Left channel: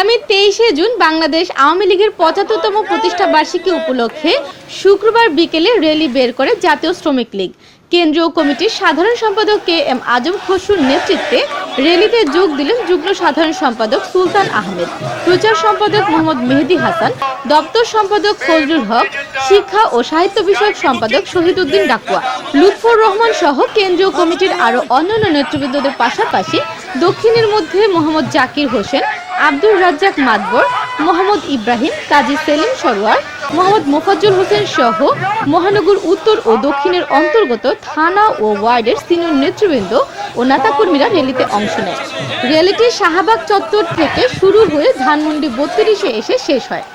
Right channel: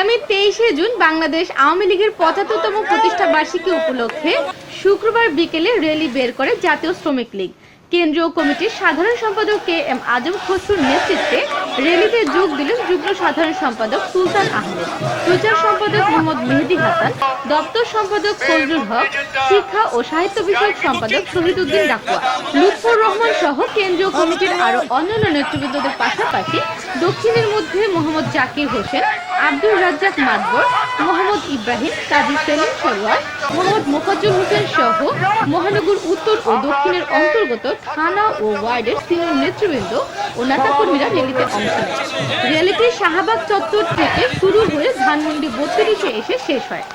আগামী তেইশে জুন বাংলাদেশ আওয়ামী লীগের পঁচাত্তরতম প্রতিষ্ঠা বার্ষিকী উপলক্ষে শুক্রবার বিকেলে র্যালি বের করে জাতীয় শ্রমিক লীগ। কেন্দ্রীয় কমিটির সাধারণ সম্পাদক কে এম আজম খসরুর নেতৃত্বে র্যালিতে যোগ দিলেন যুগ্ম সাধারণ সম্পাদক সুলতান আহমেদ, প্রচার সম্পাদক মোহাম্মদ মেহেদি হাসান, দপ্তর সম্পাদক ফজলুল হক, শিক্ষা ও সাহিত্য বিষয়ক সম্পাদক শহীদুদ্দিন ডাকুয়া লুৎফর রহমান সহ কেন্দ্রীয় কমিটির আরও অন্যান্য নেতৃবৃন্দদের পাশাপাশি দক্ষিণের মধ্যে মোহাম্মদ জাকির হোসেন, আব্দুর রাজ্জাক মাদবর মোহাম্মদ ইব্রাহিম, কাজী সেলিম সরোয়ার মোহাম্মদ মোফাজ্জল হোসেন সহ মহানগর উত্তর ও দক্ষিণের অন্তর্গত থানা ও ওয়ার্ডের সিনিয়র নেতৃবৃন্দ ও নেতাকর্মীরা র্যালিতে অংশ নেয় র্যালিটি শাহবাগ চত্বর থেকে শুরু হয়ে ধানমন্ডি বত্রিশে এসে শেষ হয়।